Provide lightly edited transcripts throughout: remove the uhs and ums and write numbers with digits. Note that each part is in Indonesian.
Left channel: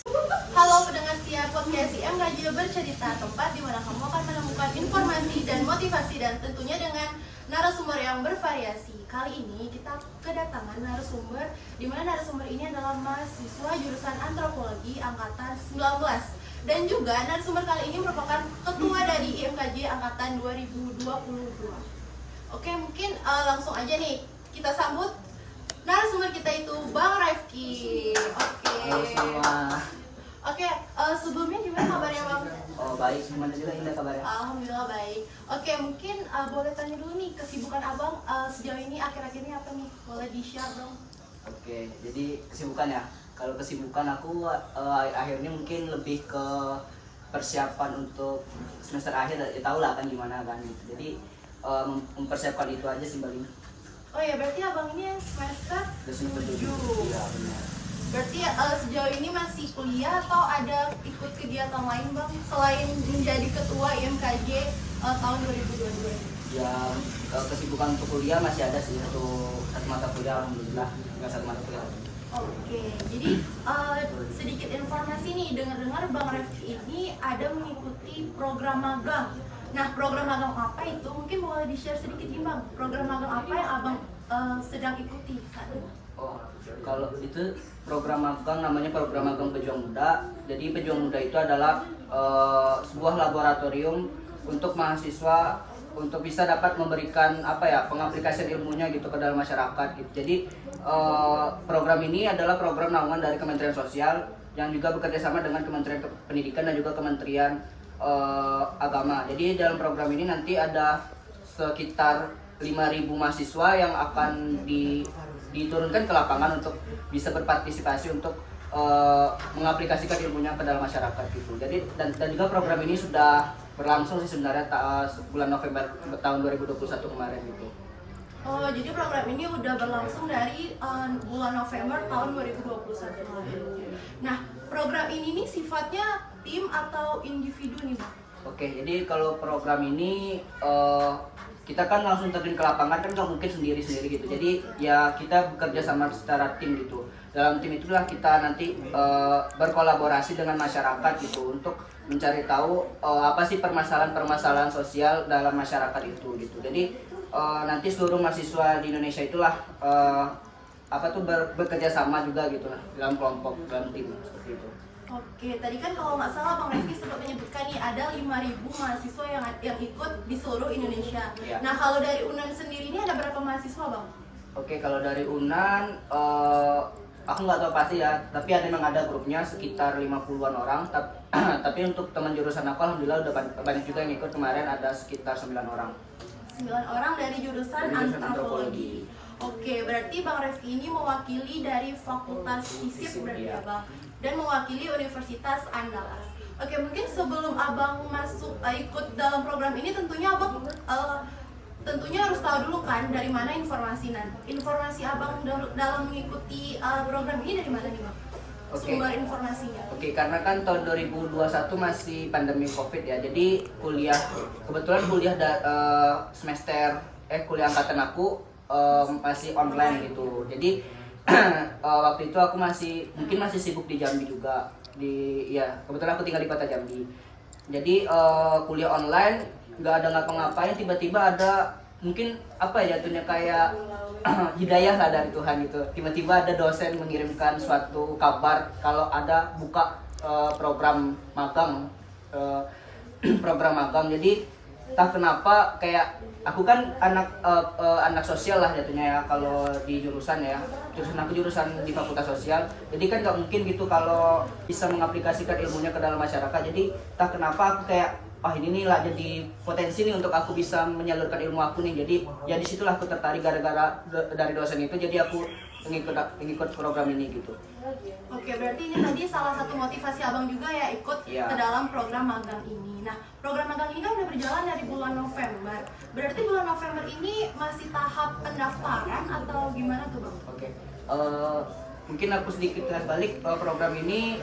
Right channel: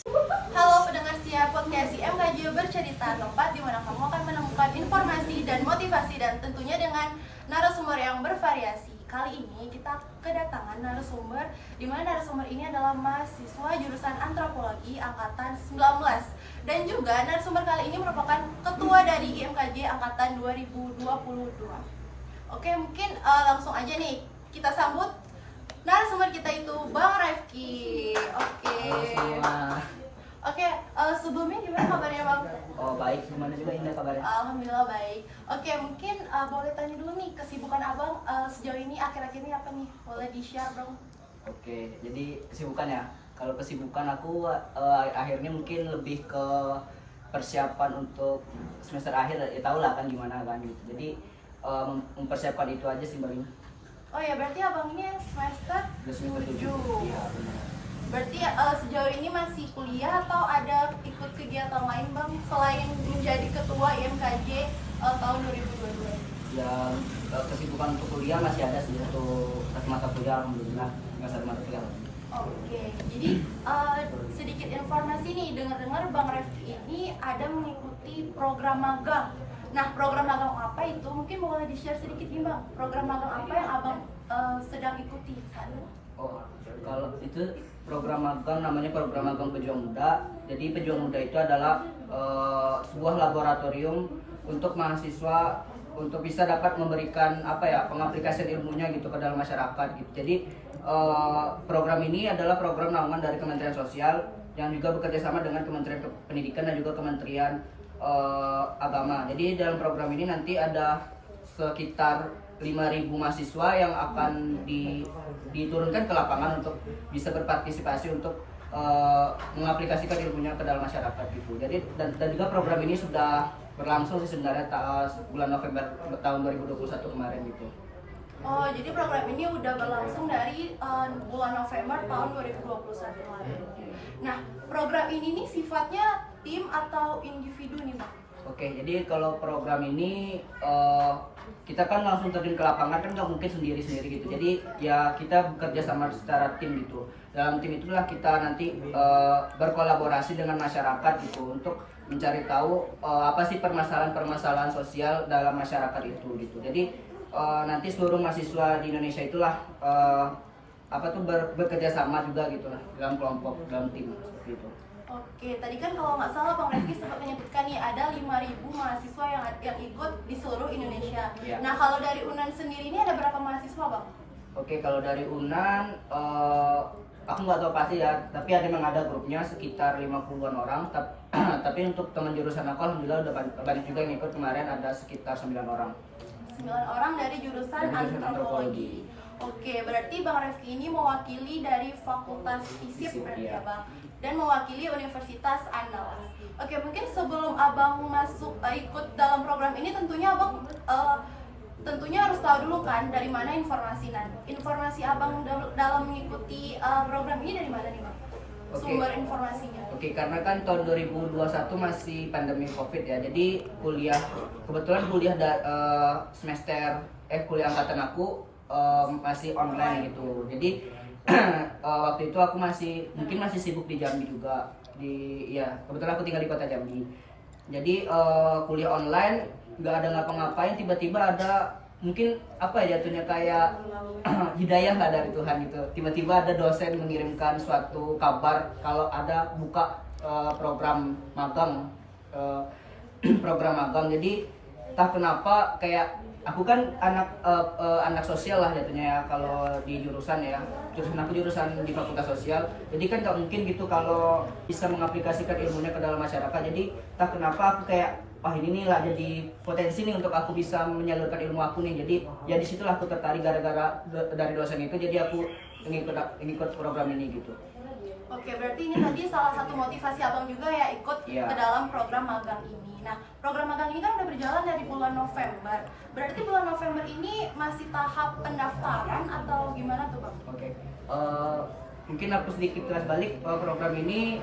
Halo pendengar setia podcast IMKJ Bercerita, tempat di mana kamu akan menemukan informasi dan motivasi dan tentunya dengan narasumber yang bervariasi. Kali ini kita kedatangan narasumber di mana narasumber ini adalah mahasiswa jurusan antropologi angkatan 19 dan juga narasumber kali ini merupakan ketua dari IMKJ angkatan 2022. Oke, mungkin langsung aja nih kita sambut narasumber kita itu Bang Rifki. Halo semua. Oke, sebelumnya gimana kabarnya Bang? Oh baik, gimana juga Indah kabarnya? Alhamdulillah baik. Oke, mungkin boleh tanya dulu nih kesibukan Abang sejauh ini akhir-akhir ini apa nih? Boleh di-share dong? Oke, jadi kesibukan ya. Kalau kesibukan aku akhirnya mungkin lebih ke persiapan untuk semester akhir. Ya tau lah kan gimana kan gitu. Jadi mempersiapkan itu aja sih paling. Oh ya, berarti Abang ini semester Udah semester 7. 7. Iya benar. Berarti sejauh ini masih kuliah atau ada ikut kegiatan lain Bang selain menjadi ketua IMKJ tahun 2022? Ya kesibukan untuk kuliah masih ada sih untuk satu mata kuliah alhamdulillah nggak satu mata kuliah. Oke, jadi sedikit informasi nih, dengar-dengar Bang Refki ini ada mengikuti program magang. Nah, program magang apa itu? Mungkin boleh di-share sedikit nih Bang, program magang apa yang Abang sedang ikuti saat ini? Oh, kalau itu program magang namanya program magang Pejuang Muda. Jadi Pejuang Muda itu adalah sebuah laboratorium untuk mahasiswa untuk bisa dapat memberikan pengaplikasian ilmunya gitu ke dalam masyarakat gitu. Jadi program ini adalah program naungan dari Kementerian Sosial yang juga bekerja sama dengan Kementerian Pendidikan dan juga Kementerian Agama. Jadi dalam program ini nanti ada sekitar 5.000 mahasiswa yang akan diturunkan ke lapangan untuk bisa berpartisipasi untuk mengaplikasikan ilmunya ke dalam masyarakat gitu. Jadi dan juga program ini sudah berlangsung sih sebenarnya bulan November tahun 2021 kemarin gitu. Oh, jadi program ini udah berlangsung dari bulan November tahun 2021 lalu. Nah, program ini nih sifatnya tim atau individu nih Bang? Oke, jadi kalau program ini kita kan langsung terjun ke lapangan kan nggak mungkin sendiri-sendiri gitu. Jadi ya kita bekerja sama secara tim gitu. Dalam tim itulah kita nanti berkolaborasi dengan masyarakat gitu untuk mencari tahu apa sih permasalahan-permasalahan sosial dalam masyarakat itu gitu. Jadi nanti seluruh mahasiswa di Indonesia itulah bekerja sama juga gitu lah dalam kelompok, dalam tim seperti itu. Oke, tadi kan kalau nggak salah Bang Refki sempat menyebutkan nih ada 5.000 mahasiswa yang ikut di seluruh Indonesia. Ya. Nah, kalau dari UNAN sendiri ini ada berapa mahasiswa Bang? Oke, kalau dari UNAN aku nggak tahu pasti ya, tapi memang ada grupnya sekitar 50-an orang. Tapi untuk teman jurusan aku alhamdulillah udah banyak juga yang ikut, kemarin ada sekitar 9 orang. 9 orang dari jurusan antropologi. Oke, berarti Bang Refki ini mewakili dari Fakultas FISIP berarti ya Bang, dan mewakili Universitas Andalas. Oke, mungkin sebelum Abang masuk ikut dalam program ini tentunya Abang tentunya harus tahu dulu kan dari mana informasi Abang dalam mengikuti program ini dari mana nih Bang? Sumber informasinya. Oke, karena kan tahun 2021 masih pandemi Covid ya. Jadi kebetulan kuliah kuliah angkatan aku masih online gitu. Jadi waktu itu aku masih sibuk di Jambi juga. Kebetulan aku tinggal di kota Jambi. Jadi kuliah online nggak ada ngapa-ngapain, tiba-tiba ada mungkin jatuhnya kayak hidayah lah dari Tuhan gitu. Tiba-tiba ada dosen mengirimkan suatu kabar kalau ada buka program magang. Jadi entah kenapa kayak aku kan anak sosial lah jatuhnya ya kalau di jurusan aku jurusan di Fakultas Sosial. Jadi kan nggak mungkin gitu kalau bisa mengaplikasikan ilmunya ke dalam masyarakat. Jadi entah kenapa aku kayak ini nih lah jadi potensi nih untuk aku bisa menyalurkan ilmu aku nih. Jadi ya disitulah aku tertarik gara-gara dari dosen itu, jadi aku ngikut program ini gitu. Oke, berarti ini tadi salah satu motivasi Abang juga ya ikut ke dalam program magang ini. Nah, program magang ini kan udah berjalan dari bulan November. Berarti bulan November ini masih tahap pendaftaran atau gimana tuh Bang? Oke, mungkin aku sedikit balik program ini.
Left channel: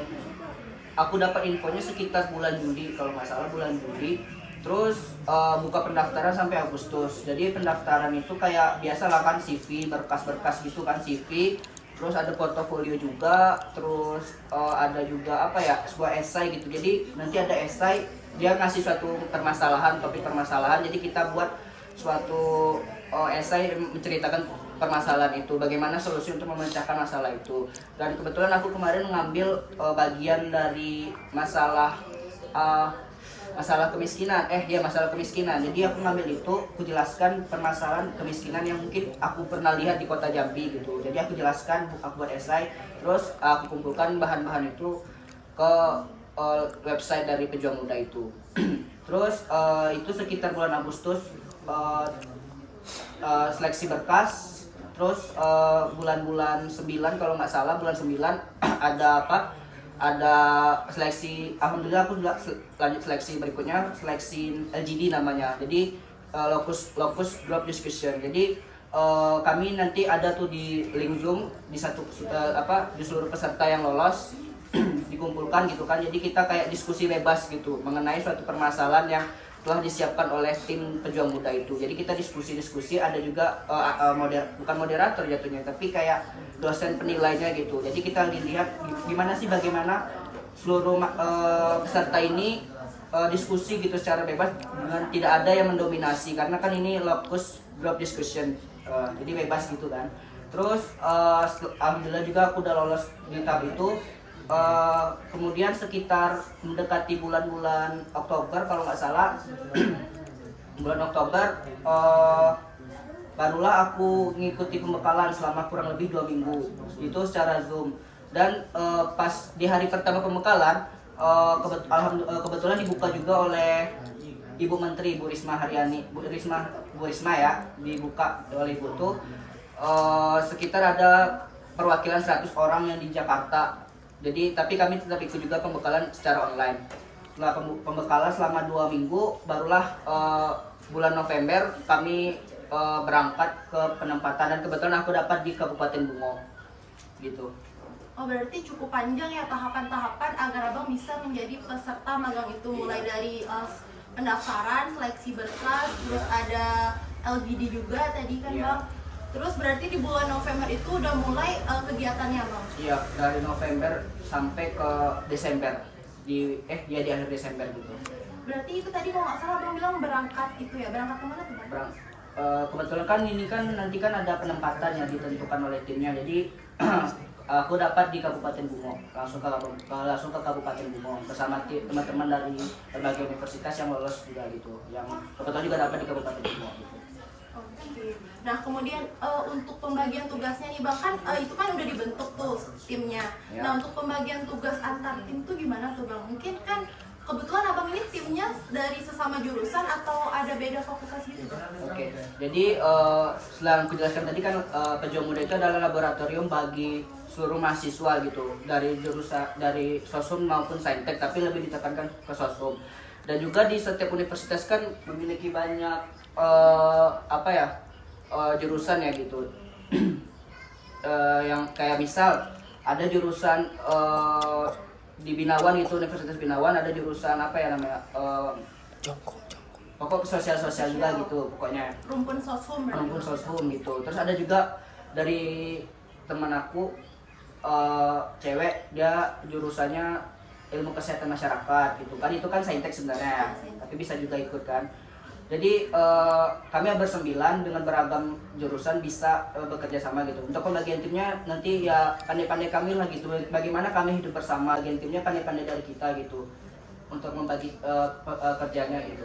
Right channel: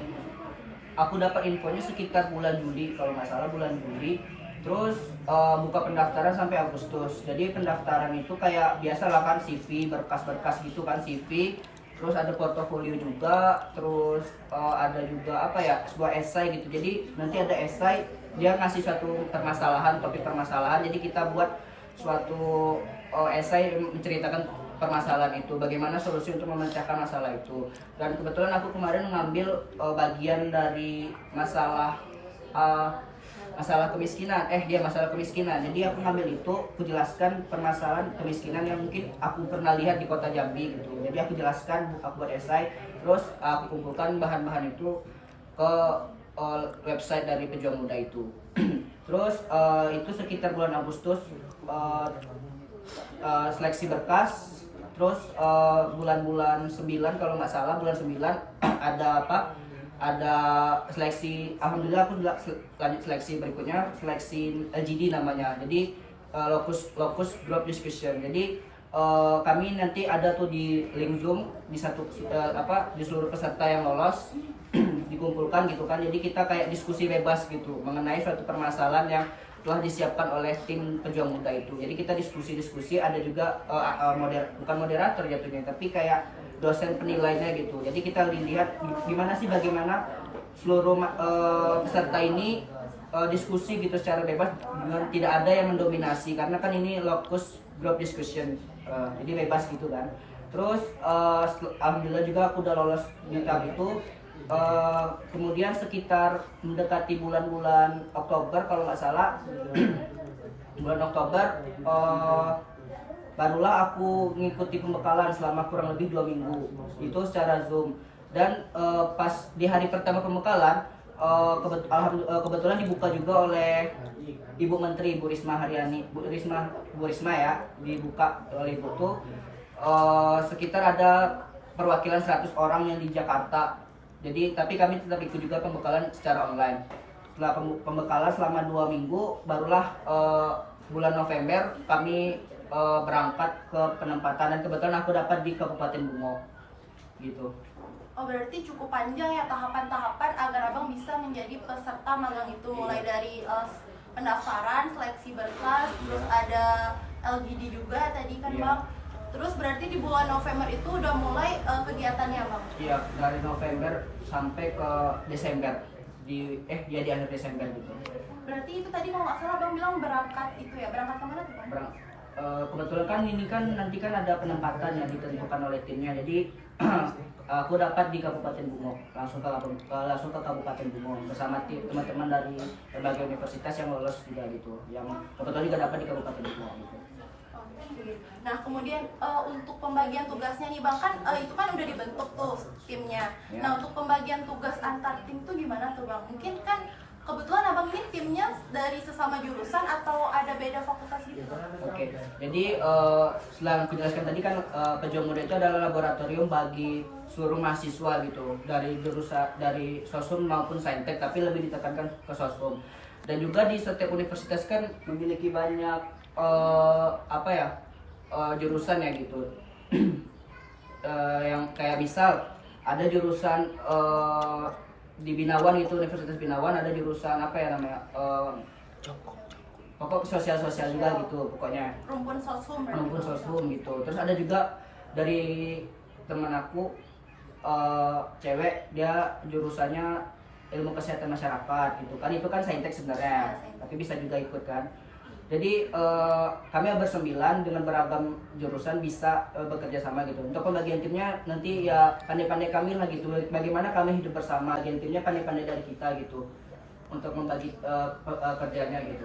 Aku dapat infonya sekitar bulan Juli kalau nggak salah, bulan Juli. Terus buka pendaftaran sampai Agustus. Jadi pendaftaran itu kayak biasa lah kan, CV, berkas-berkas gitu kan, CV. terus ada portofolio juga, terus ada juga apa ya, sebuah esai gitu. Jadi nanti ada esai, dia ngasih suatu permasalahan, topik permasalahan, jadi kita buat suatu esai menceritakan permasalahan itu, bagaimana solusi untuk memecahkan masalah itu. Dan kebetulan aku kemarin mengambil bagian dari masalah masalah kemiskinan, masalah kemiskinan. Jadi aku ngambil itu, aku jelaskan permasalahan kemiskinan yang mungkin aku pernah lihat di kota Jambi gitu. Jadi aku jelaskan, aku buat esai, terus aku kumpulkan bahan-bahan itu ke website dari Pejuang Muda itu. Terus itu sekitar bulan Agustus, seleksi berkas. Terus bulan-bulan 9 kalau nggak salah, bulan 9 ada apa? Ada seleksi. Alhamdulillah aku juga lanjut seleksi berikutnya, seleksi LGD namanya. Jadi locus group discussion. Jadi kami nanti ada tuh di link Zoom di di seluruh peserta yang lolos dikumpulkan gitu kan. Jadi kita kayak diskusi bebas gitu mengenai suatu permasalahan yang telah disiapkan oleh tim Pejuang Muda itu. Jadi kita diskusi, ada juga bukan moderator jatuhnya, tapi kayak dosen penilainya gitu. Jadi kita lihat gimana sih, bagaimana seluruh peserta ini diskusi gitu secara bebas dengan tidak ada yang mendominasi, karena kan ini locus group discussion, jadi bebas gitu kan. Terus alhamdulillah juga aku udah lolos di tahap itu. Kemudian sekitar mendekati bulan-bulan Oktober kalau nggak salah, bulan Oktober barulah aku ngikuti pembekalan selama kurang lebih 2 minggu itu secara Zoom. Dan pas di hari pertama pembekalan, kebetulan dibuka juga oleh Ibu Menteri, Bu Risma Haryani, Bu Risma ya, dibuka oleh Ibu tuh sekitar ada perwakilan 100 orang yang di Jakarta. Jadi tapi kami tetap ikut juga pembekalan secara online. Setelah pembekalan selama 2 minggu, barulah bulan November kami berangkat ke penempatan, dan kebetulan aku dapat di Kabupaten Bungo gitu. Oh, berarti cukup panjang ya tahapan-tahapan agar abang bisa menjadi peserta magang itu, mulai dari pendaftaran, seleksi berkas, terus ada LGD juga tadi kan bang. Terus berarti di bulan November itu udah mulai kegiatannya bang? Iya, dari November sampai ke Desember, di akhir Desember gitu. Berarti itu tadi kalau nggak salah abang bilang berangkat itu ya, berangkat kemana tuh bang? Kebetulan kan ini kan nanti kan ada penempatan yang ditentukan oleh timnya, jadi aku dapat di Kabupaten Bungo, langsung ke Kabupaten Bungo bersama teman-teman dari berbagai universitas yang lolos juga gitu, yang kebetulan juga dapat di Kabupaten Bungo gitu. Nah kemudian untuk pembagian tugasnya nih bang, kan itu kan udah dibentuk tuh timnya. Ya. Nah untuk pembagian tugas antar tim tuh gimana tuh bang? Mungkin kan kebetulan abang ini timnya dari sesama jurusan atau ada beda fakultas gitu? Oke, jadi setelah aku jelaskan tadi kan Pejuang Muda itu adalah laboratorium bagi seluruh mahasiswa gitu, dari jurusan dari Sosum maupun Saintek, tapi lebih ditekankan ke Sosum. Dan juga di setiap universitas kan memiliki banyak jurusan ya gitu. Yang kayak misal ada jurusan di Binawan itu, Universitas Binawan ada jurusan pokok sosial juga gitu pokoknya, rumpun sosum gitu. Terus ada juga dari teman aku cewek, dia jurusannya ilmu kesehatan masyarakat gitu kan, itu kan saintek sebenarnya, tapi bisa juga ikut kan. Jadi kami bersembilan dengan beragam jurusan bisa bekerja sama gitu. Untuk pembagian timnya nanti ya pandai-pandai kami lah gitu. Bagaimana kami hidup bersama, bagian timnya pandai-pandai dari kita gitu untuk membagi kerjanya gitu.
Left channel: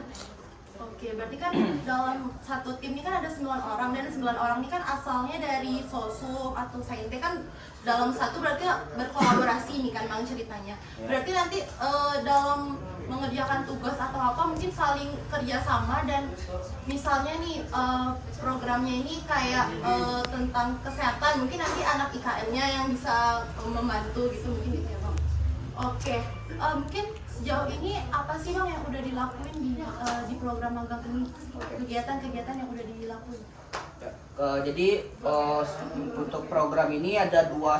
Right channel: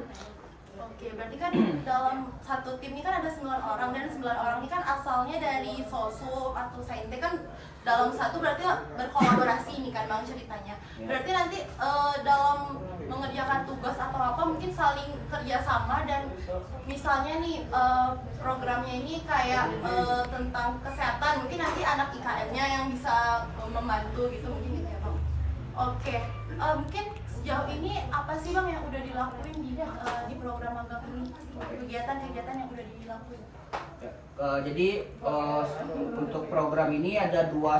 Oke, berarti kan dalam satu tim ini kan ada 9 orang, dan 9 orang ini kan asalnya dari Sosum atau Saintek kan dalam satu, berarti berkolaborasi nih kan bang ceritanya. Berarti nanti dalam mengerjakan tugas atau apa mungkin saling kerjasama, dan misalnya nih programnya ini kayak tentang kesehatan, mungkin nanti anak IKM-nya yang bisa membantu gitu, mungkin gitu ya bang. Oke, mungkin sejauh ini apa sih bang yang udah dilakuin di program magang ini, kegiatan-kegiatan yang udah dilakuin? Jadi untuk program ini ada dua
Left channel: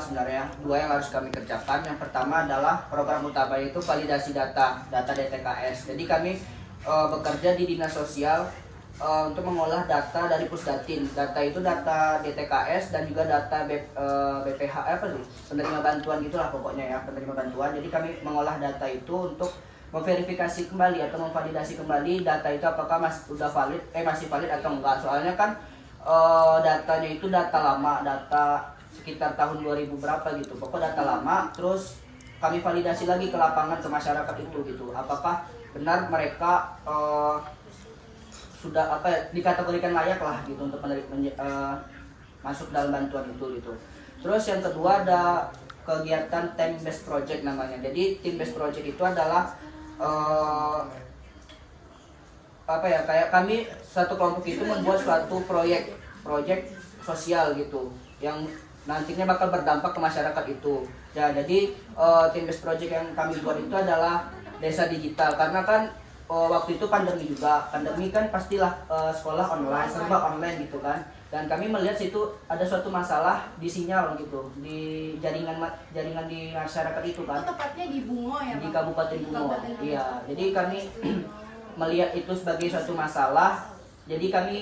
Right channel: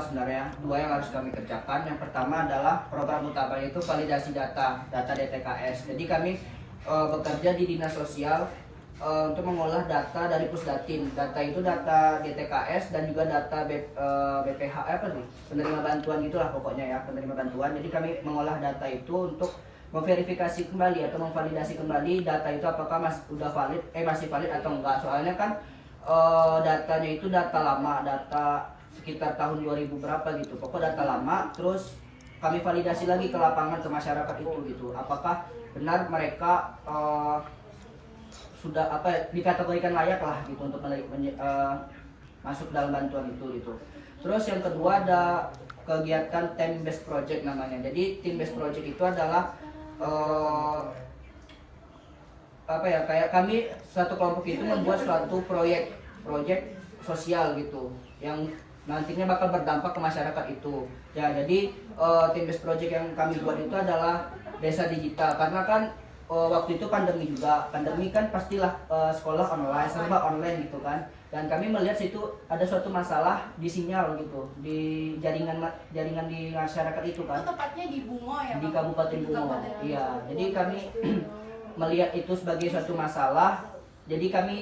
yang harus kami kerjakan. Yang pertama adalah program utama, itu validasi data DTKS. Jadi kami bekerja di dinas sosial untuk mengolah data dari Pusdatin. Data itu data DTKS dan juga data BPH apa tuh? Penerima bantuan gitulah pokoknya ya, penerima bantuan. Jadi kami mengolah data itu untuk memverifikasi kembali atau memvalidasi kembali data itu apakah masih valid atau enggak. Soalnya kan datanya itu data lama, data sekitar tahun 2000 berapa gitu. Pokok data lama, terus kami validasi lagi ke lapangan, ke masyarakat itu gitu. Apakah benar mereka sudah dikategorikan layak lah gitu untuk masuk dalam bantuan itu gitu. Terus yang kedua ada kegiatan team based project namanya. Jadi team based project itu adalah kayak kami satu kelompok itu membuat suatu proyek sosial gitu yang nantinya bakal berdampak ke masyarakat itu. Ya, jadi team based project yang kami buat itu adalah desa digital, karena kan waktu itu pandemi juga. Pandemi kan pastilah sekolah online, serba online gitu kan. Dan kami melihat situ ada suatu masalah di sinyal gitu, di jaringan di masyarakat itu kan. Itu tepatnya di Bungo ya, Di Bang? Kabupaten Di Bungo. Kabupaten Bungo. Iya, jadi kami melihat itu sebagai suatu masalah. Jadi kami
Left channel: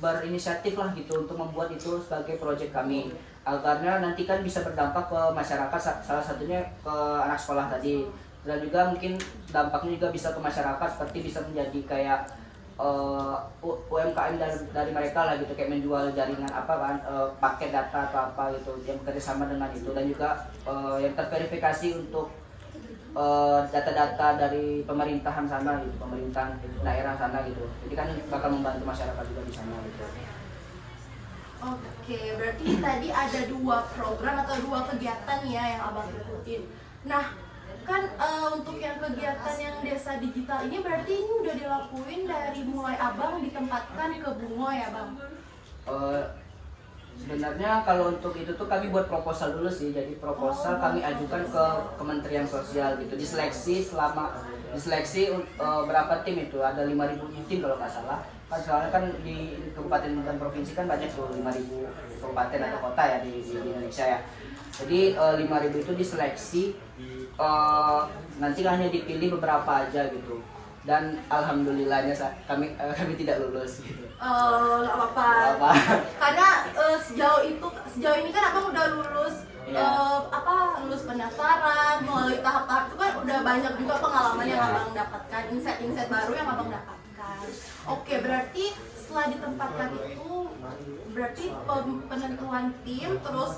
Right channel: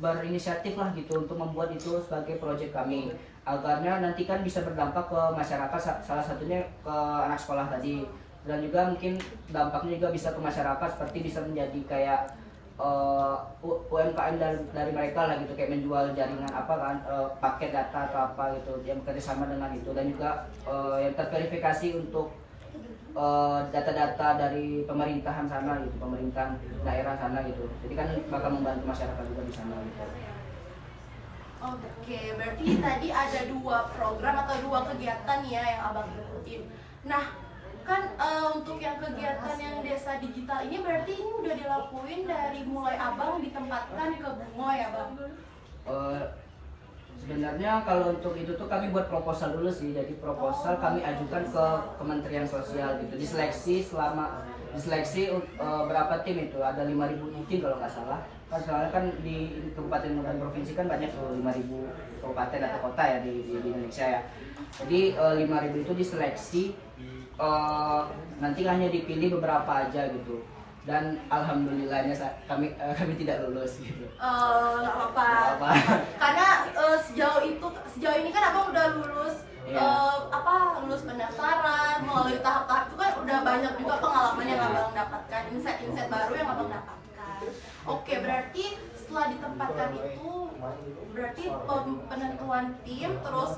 berinisiatif lah gitu untuk membuat itu sebagai proyek kami. Agarnya nanti kan bisa berdampak ke masyarakat, salah satunya ke anak sekolah tadi. Dan juga mungkin dampaknya juga bisa ke masyarakat, seperti bisa menjadi kayak UMKM dari mereka lah gitu, kayak menjual jaringan paket data atau apa gitu yang bekerjasama dengan itu. Dan juga yang terverifikasi untuk data-data dari pemerintahan sana gitu, pemerintahan daerah sana gitu. Jadi kan bakal membantu masyarakat juga di sana gitu. Oke, berarti tadi ada 2 program atau 2 kegiatan ya yang abang ikutin. Nah, kan untuk yang kegiatan yang desa digital ini berarti ini udah dilakuin dari mulai abang ditempatkan ke Bungo ya, Bang? Sebenarnya kalau untuk itu tuh kami buat proposal dulu sih. Jadi proposal kami ajukan ke Kementerian Sosial gitu. Diseleksi berapa tim itu? Ada 5.000 tim kalau nggak salah. Kan soalnya kan di kabupaten dan provinsi kan banyak tuh 5.000 kabupaten atau kota ya di Indonesia ya. Jadi 5.000 itu diseleksi, nanti hanya dipilih beberapa aja gitu. Dan alhamdulillahnya kami tidak lulus gitu. Nggak apa-apa. Karena sejauh ini kan abang udah lulus lulus pendaftaran, melalui tahap-tahap itu kan udah banyak juga pengalaman yang abang dapatkan, insight-insight baru yang abang dapatkan. Oke, berarti setelah ditempatkan itu berarti penentuan tim, terus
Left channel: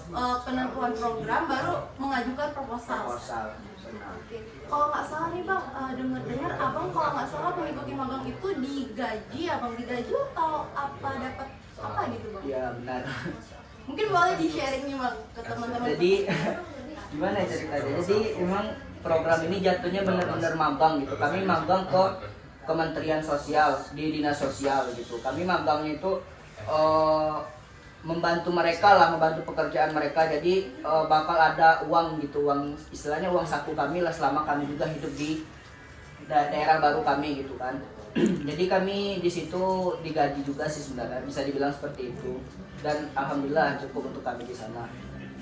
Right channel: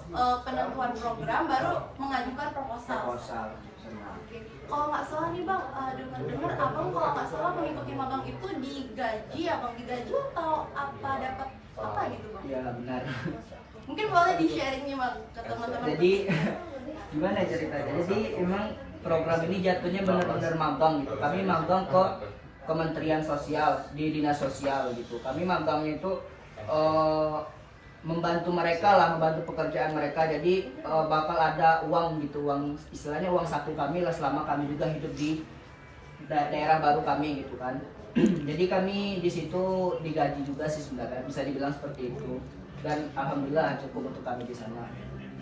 penentuan program, baru mengajukan proposal. Oke. Kalau nggak salah nih Bang, dengar-dengar abang kalau nggak salah mengikuti magang itu digaji atau apa, dapat apa gitu Bang? Iya benar. Mungkin boleh di-sharing nih Bang ke teman-teman. Jadi gimana ya ceritanya? Jadi emang program ini jatuhnya benar-benar magang gitu. Kami magang ke Kementerian Sosial, di Dinas Sosial gitu. Kami magangnya itu membantu mereka lah, membantu pekerjaan mereka. Jadi bakal ada uang gitu, istilahnya uang saku kami lah selama kami juga hidup di daerah baru kami gitu kan. Jadi kami di situ digaji juga sih sebenarnya, bisa dibilang seperti itu. Dan alhamdulillah cukup untuk kami di sana.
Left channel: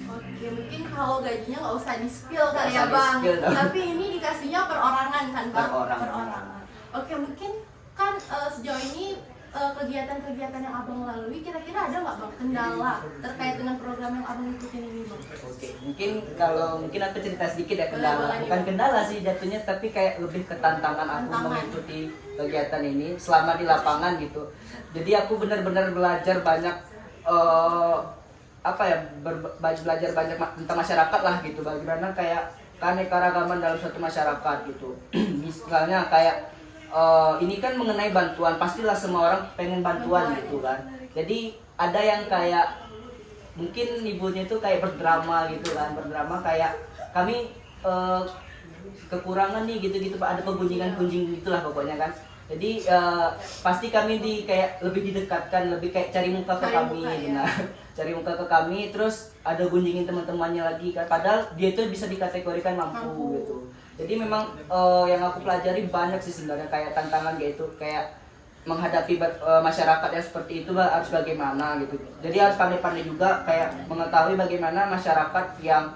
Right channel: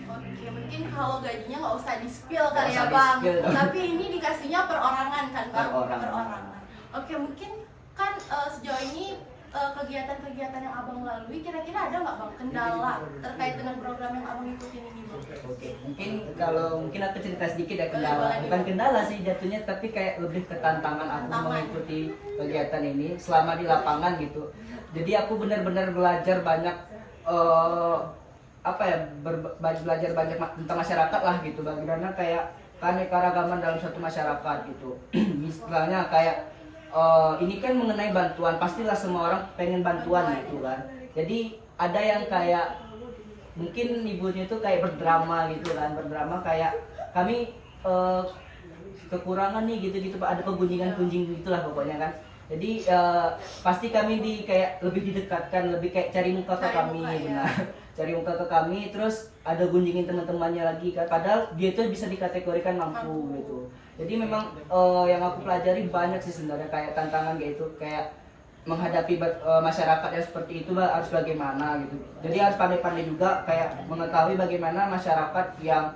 Oke, mungkin kalau gajinya nggak usah di-spill kali ya Nggak usah Bang. di-spill. Tapi ini dikasihnya perorangan kan Bang? Perorangan. Oke, mungkin kan sejauh ini kegiatan-kegiatan yang abang lalui, kira-kira ada nggak Bang kendala terkait dengan program yang abang ikutin ini Bang? Oke, mungkin aku cerita sedikit ya kendala. Boleh, Bukan kendala sih jatuhnya, tapi kayak lebih ke tantangan aku mengikuti kegiatan ini selama di lapangan gitu. Jadi aku benar-benar belajar banyak belajar banyak tentang masyarakat lah gitu. Bagaimana kayak keanekaragaman dalam suatu masyarakat gitu. Misalnya kayak ini kan mengenai bantuan, pastilah semua orang pengen bantuan gitu kan. Jadi ada yang kayak mungkin ibunya itu kayak berdrama gitu kan, kayak kami kekurangan nih gitu Pak, ada penggunjingan gitulah pokoknya kan. Jadi pasti kami kayak lebih didekatkan, lebih kayak cari muka ke kami, benar. Cari muka ke kami, terus ada gunjingin teman-temannya lagi kan. Padahal dia itu bisa dikategorikan mampu gitu. Jadi memang yang aku pelajari banyak sih sebenarnya, kayak tantangan gitu, kayak menghadapi masyarakat yang seperti itu harus bagaimana gitu. Jadi harus pandai-pandai juga kayak mengetahui bagaimana masyarakat yang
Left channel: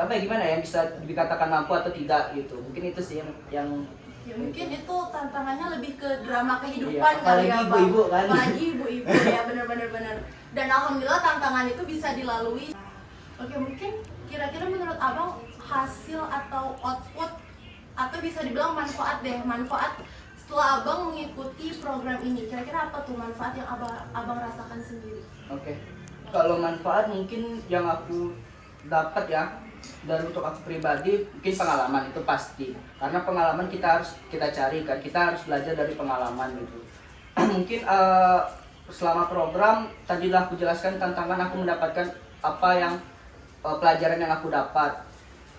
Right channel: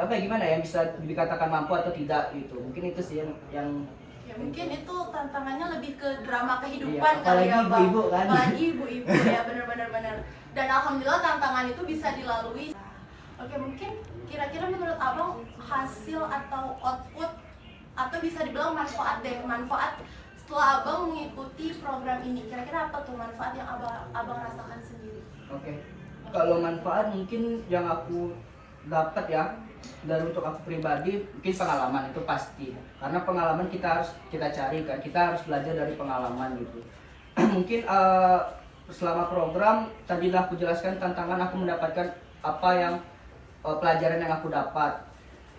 gimana ya, bisa dikatakan mampu atau tidak gitu. Mungkin itu sih yang Oke, mungkin itu tantangannya lebih ke drama kehidupan Iya, kali ya, apalagi Bang. ibu-ibu kan. Apalagi ibu-ibu ya, benar. Dan alhamdulillah tantangan itu bisa dilalui. Oke, mungkin kira-kira menurut Abang hasil atau output atau bisa dibilang manfaat setelah Abang mengikuti program ini, kira-kira apa tuh manfaat yang Abang rasakan sendiri? Oke. Kalau manfaat mungkin yang aku dapat ya, dan untuk aku pribadi mungkin pengalaman itu pasti. Karena pengalaman kita cari kan, kita harus belajar dari pengalaman gitu. Mungkin selama program tadilah aku jelaskan tantangan, aku mendapatkan apa yang pelajaran yang aku dapat.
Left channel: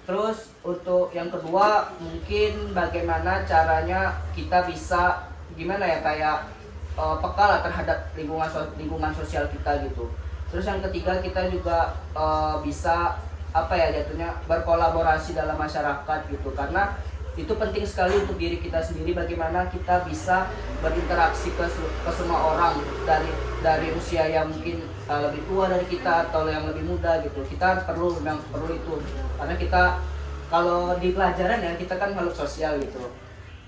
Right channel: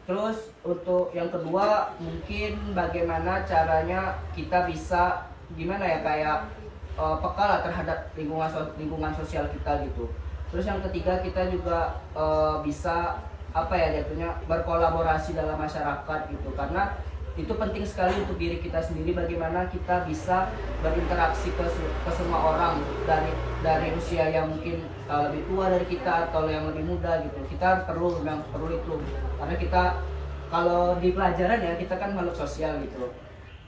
Terus untuk yang kedua mungkin bagaimana caranya kita bisa gimana ya kayak peka lah terhadap lingkungan sosial kita gitu. Terus yang ketiga kita juga bisa apa ya jatuhnya berkolaborasi dalam masyarakat gitu, karena itu penting sekali untuk diri kita sendiri, bagaimana kita bisa berinteraksi ke semua orang dari usia yang mungkin lebih tua dari kita atau yang lebih muda gitu. Kita perlu itu karena kita kalau di pelajaran ya kita kan makhluk sosial gitu.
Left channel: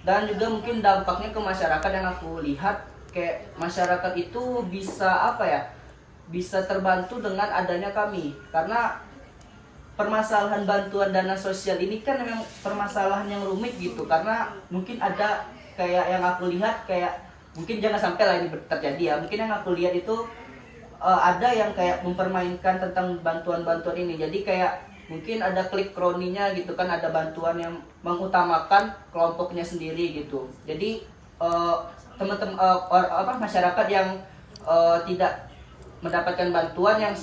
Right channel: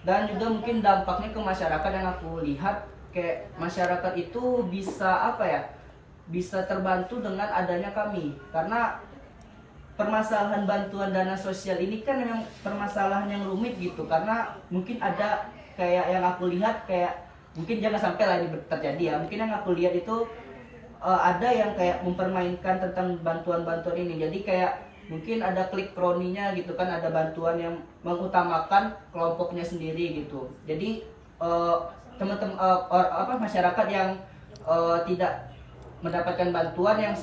Dan juga mungkin dampaknya ke masyarakat yang aku lihat kayak masyarakat itu bisa apa ya, bisa terbantu dengan adanya kami, karena permasalahan bantuan dana sosial ini kan memang permasalahan yang rumit gitu, karena mungkin ada kayak yang aku lihat kayak mungkin jangan sampai lah ini terjadi ya, mungkin yang aku lihat itu ada yang kayak mempermainkan tentang bantuan-bantuan ini, jadi kayak mungkin ada klik kroninya gitu kan, ada bantuan yang mengutamakan kelompoknya sendiri gitu. Jadi teman-teman masyarakat yang tidak mendapatkan bantuan yang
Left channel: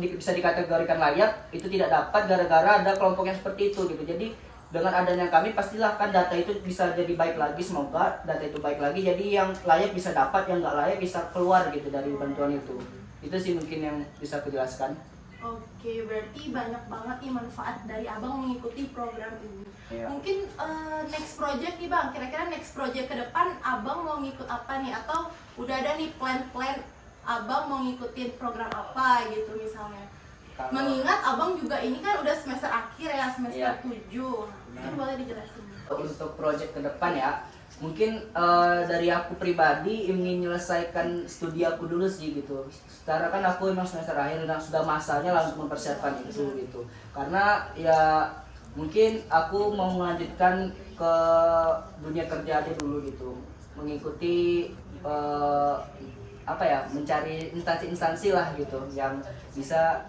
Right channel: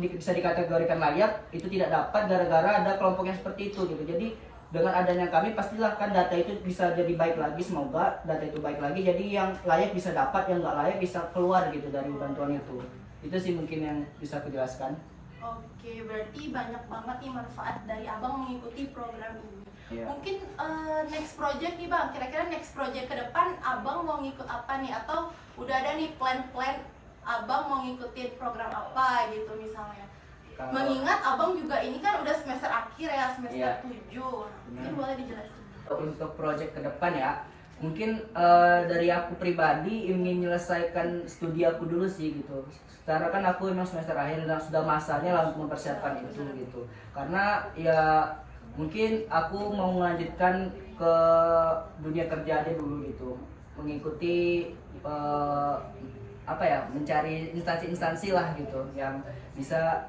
bisa dikategorikan layak itu tidak dapat gara-gara ada kelompok yang seperti itu gitu. Jadi dengan adanya kami pastilah kan data itu bisa jadi baik lagi, semoga data itu baik lagi, jadi yang layak bisa dapat, yang nggak layak bisa keluar gitu dari bantuan itu. Itu sih mungkin yang bisa aku jelaskan. Oke, berarti banyak banget nih manfaat dari Abang mengikuti program ini. Iya. Mungkin next project nih Bang, kira-kira next project ke depan Abang mau ngikut apa nih? Atau udah ada nih plan-plan Abang mau ngikutin program apa gitu misalnya? Mengingat Abang juga ini kan udah semester akhir ya, semester 7. Mungkin boleh dijelasin. Untuk project ke depan ya, mungkin dari aku pribadi ingin menyelesaikan studi aku dulu sih gitu. Karena kan aku emang semester akhir dan sudah masanya langsung mempersiapkan itu gitu. Karena ya mungkin aku mau melanjutkan ke dunia kerja aja dulu gitu, mengikuti apa ya, mencari instansi-instansi lah gitu yang bisa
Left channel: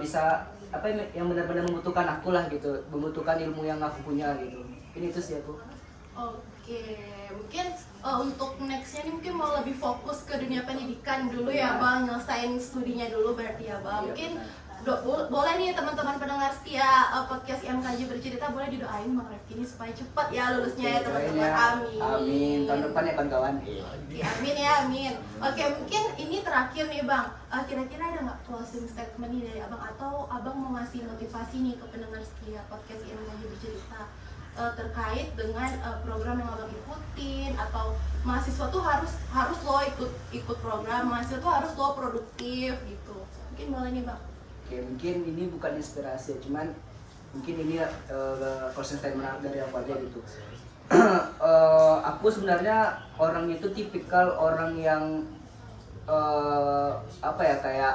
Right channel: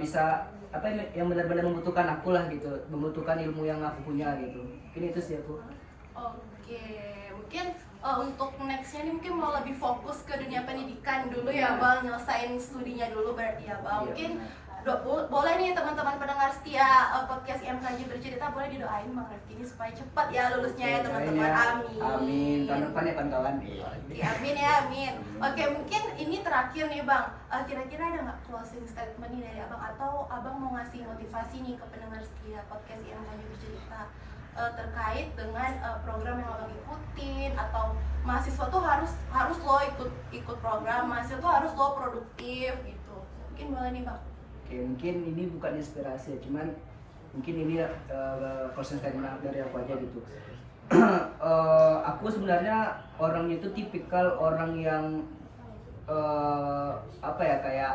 bisa apa yang benar-benar membutuhkan aku lah gitu, membutuhkan ilmu yang aku punya gitu. Ini itu sih aku. Oke, mungkin untuk nextnya nih mungkin mau lebih fokus ke dunia pendidikan dulu ya Bang, nyelesain studinya dulu berarti ya Bang. Mungkin boleh nih teman-teman pendengar setia podcast IMKJ Bercerita, boleh didoain Bang Refki ini supaya cepat ya lulusnya ya teman-teman. Amin. Amin. Tahun depan ya kawan-kawan. Oke, amin ya, amin. Oke, mungkin ini terakhir nih Bang. Kira-kira ada nggak closing statement nih dari Abang, atau Abang mau ngasih motivasi nih ke pendengar setia podcast IMKJ Bercerita terkait dengan program yang Abang ikutin, atau mahasiswa tuh harus lo ikut program, mahasiswa tuh harus lo produktif gitu. Mungkin boleh nih Bang. Oke, mungkin ini bukan inspirasi, cuman mungkin ini closing statement dari aku aja gitu. Aku sebenarnya orang itu tipikal orang yang apa ya, kayak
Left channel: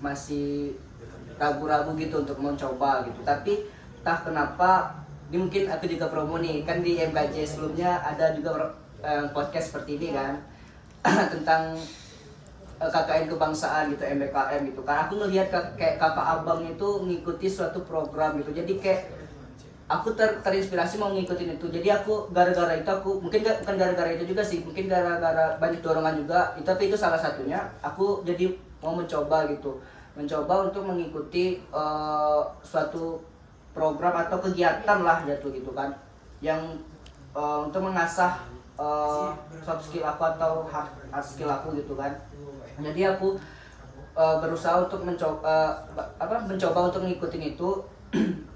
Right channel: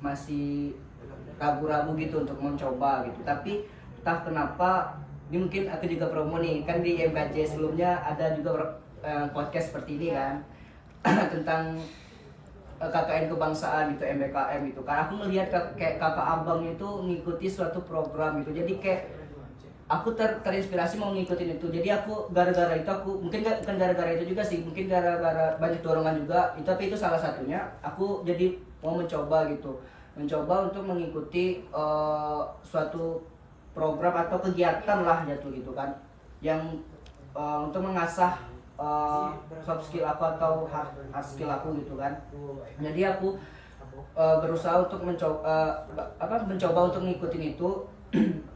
masih ragu-ragu gitu untuk mencoba gitu. Tapi entah kenapa, ini mungkin aku juga promo nih, kan di MKJ sebelumnya ada juga podcast seperti ini kan tentang KKN kebangsaan gitu, MBKM gitu. Karena aku ngelihat kayak kakak abang itu ngikuti suatu program gitu, jadi kayak aku terinspirasi mau ngikutin itu. Jadi aku gara-gara itu, aku mungkin bukan gara-gara itu juga sih, mungkin gara-gara banyak dorongan juga itu, tapi itu salah satunya aku jadi mau mencoba gitu, mencoba untuk mengikuti suatu program atau kegiatan lah gitu kan, yang untuk mengasah soft skill aku atau hard skill aku gitu kan. Jadi aku berusaha untuk mencoba untuk ngikutin itu.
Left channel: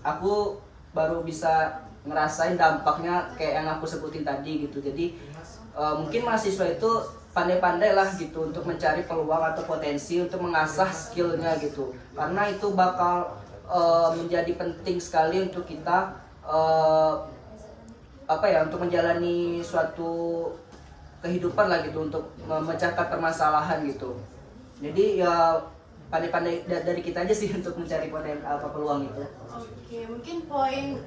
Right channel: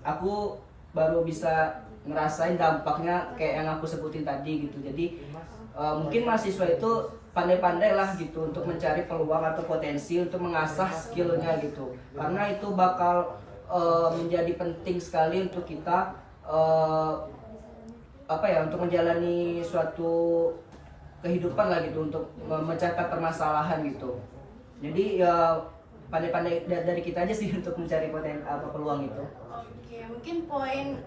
Aku baru bisa ngerasain dampaknya kayak yang aku sebutin tadi gitu. Jadi mungkin mahasiswa itu pandai-pandai lah gitu untuk mencari peluang atau potensi untuk mengasah skillnya gitu, karena itu bakal menjadi penting sekali untuk kita apa ya, untuk menjalani suatu kehidupan lah gitu, untuk memecahkan permasalahan gitu. Jadi ya pandai-pandai dari kita aja sih untuk mencari peluang itu. Oke, mungkin poin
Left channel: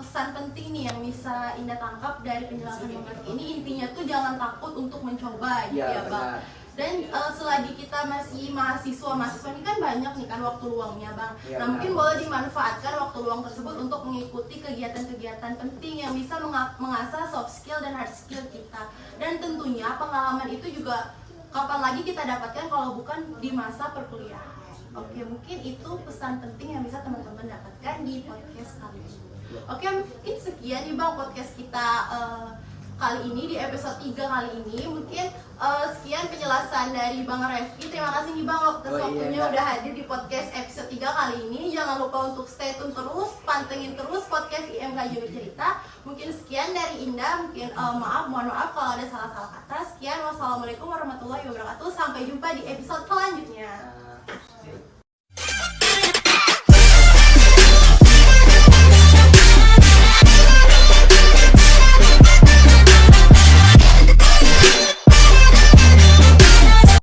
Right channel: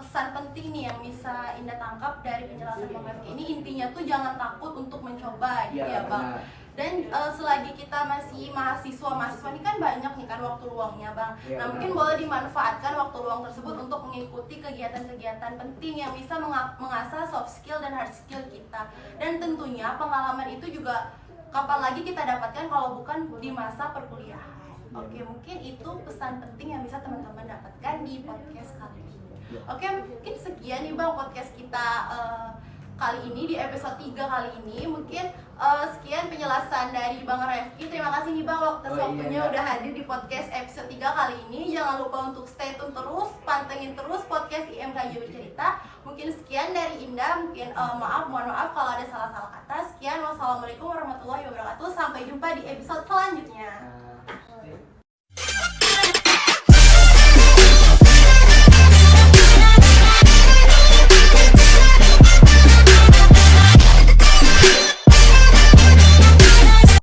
pesan penting nih yang bisa Indah tangkap dari penjelasan Bang Refki ini, intinya tuh jangan takut untuk mencoba gitu ya Bang. Benar. Dan selagi kita masih mahasiswa ini kan banyak nih kan waktu luangnya Bang. Ya, Nah mungkin boleh dimanfaatkan waktu luang tersebut untuk mengikuti kegiatan-kegiatan penting yang bisa mengasah soft skill dan hard skill kita. Dan tentunya pengalaman itu juga kapan lagi kita dapatkan kalau bukan di masa perkuliahan. Oke, mungkin itu pesan penting yang bisa teman-teman dapatkan di podcast kali ini. Oke, mungkin sekian nih Bang podcast kita kali ini di episode 3 kali ini. Mungkin sekian penjelasan dari Bang Refki. Terima kasih nih Bang atas waktunya udah hadir di podcast episode 3 kali ini. Jangan lupa untuk stay tune terus, pantengin terus podcast IMKJ Bercerita. Mungkin sekian dari Indah. Mungkin mohon maaf kalau ada salah-salah kata. Sekian, wassalamualaikum warahmatullahi wabarakatuh. Sampai jumpa di episode selanjutnya.